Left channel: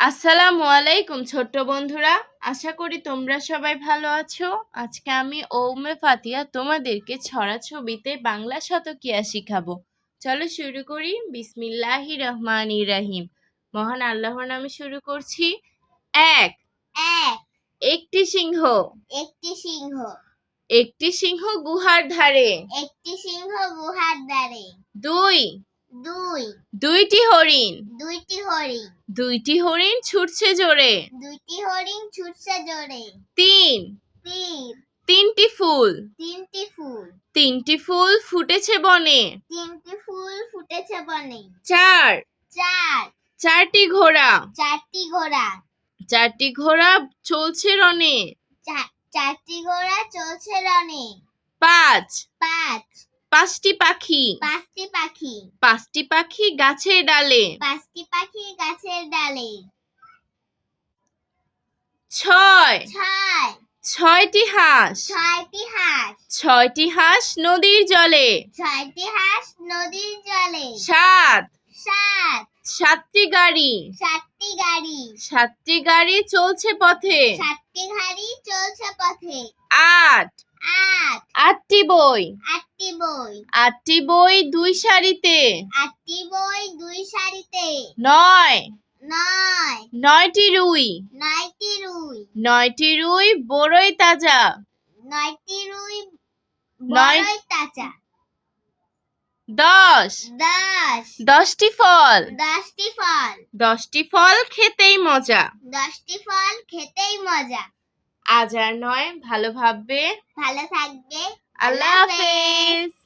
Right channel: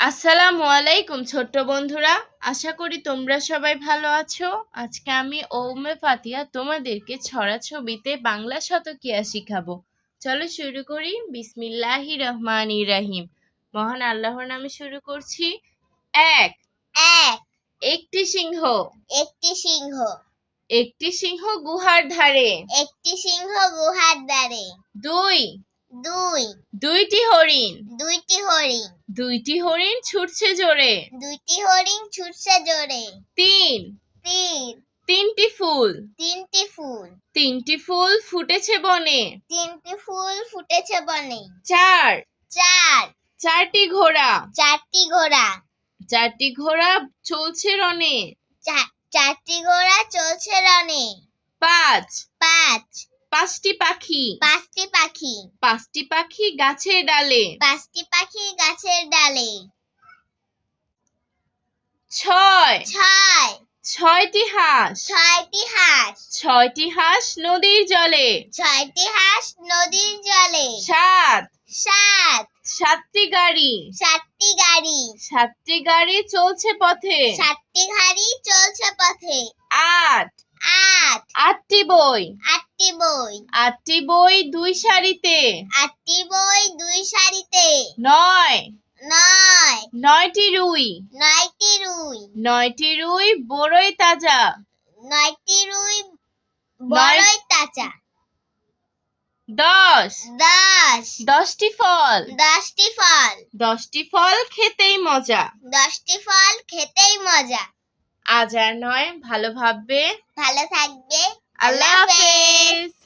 আসসালামু আলাইকুম ছোট্ট বন্ধুরা। আশা করি তোমরা সবাই ভালো আছো। আজকে আমি ওমে ফাতিয়া তোমাদেরকে ছড়া ছবিতে বাংলা শতকিয়া শিখাবো। চলো শুরু করি। বিসমিল্লাহি রহমান ইরাহিম মহান আল্লাহর নামে শুরু করছি। এক। এক। একটি সিংহ। একটি সিংহ। একটি সিংহ গুহার ধারে। একটি সিংহ গুহার ধারে। দুই। দুই। দুইটি হরিণ। দুইটি হরিণ। দুইটি হরিণ ছুটছে জোরে। দুইটি হরিণ ছুটছে জোরে। তিন। তিন। তিনটি ফুল। তিনটি ফুল। তিনটি ফুল ফুটেছে বনে। তিনটি ফুল ফুটেছে বনে। চার। চার। চারটি ঘোড়া। চারটি ঘোড়া। চারটি ঘোড়া চলছে রনে। চারটি ঘোড়া চলছে রনে। পাঁচ। পাঁচ। পাঁচটি পাখি। পাঁচটি পাখি। পাঁচটি পাখি গাছের ডালে। পাঁচটি পাখি গাছের ডালে। ছয়। ছয়। ছয়টি হাঁস। ছয়টি হাঁস। ছয়টি হাঁস নদীর জলে। ছয়টি হাঁস নদীর জলে। সাত। সাত। সাতটি গাড়ি। সাতটি গাড়ি। সাতটি গাড়ি চলছে পথে। সাতটি গাড়ি চলছে পথে। আট। আট। আটটি বই। আটটি বই। আটটি বই দুই সারিতে। আটটি বই দুই সারিতে। নয়। নয়। নয়টি রুই। নয়টি রুই। নয়টি রুই বড়ই তাজা। নয়টি রুই বড়ই তাজা। দশ। দশ। দশটি ফল। দশটি ফল। দশটি ফল খেতেই মজা। দশটি ফল খেতেই মজা। আজ আর নয় ভালো ভাববে। ভালো থাকবে। I love it.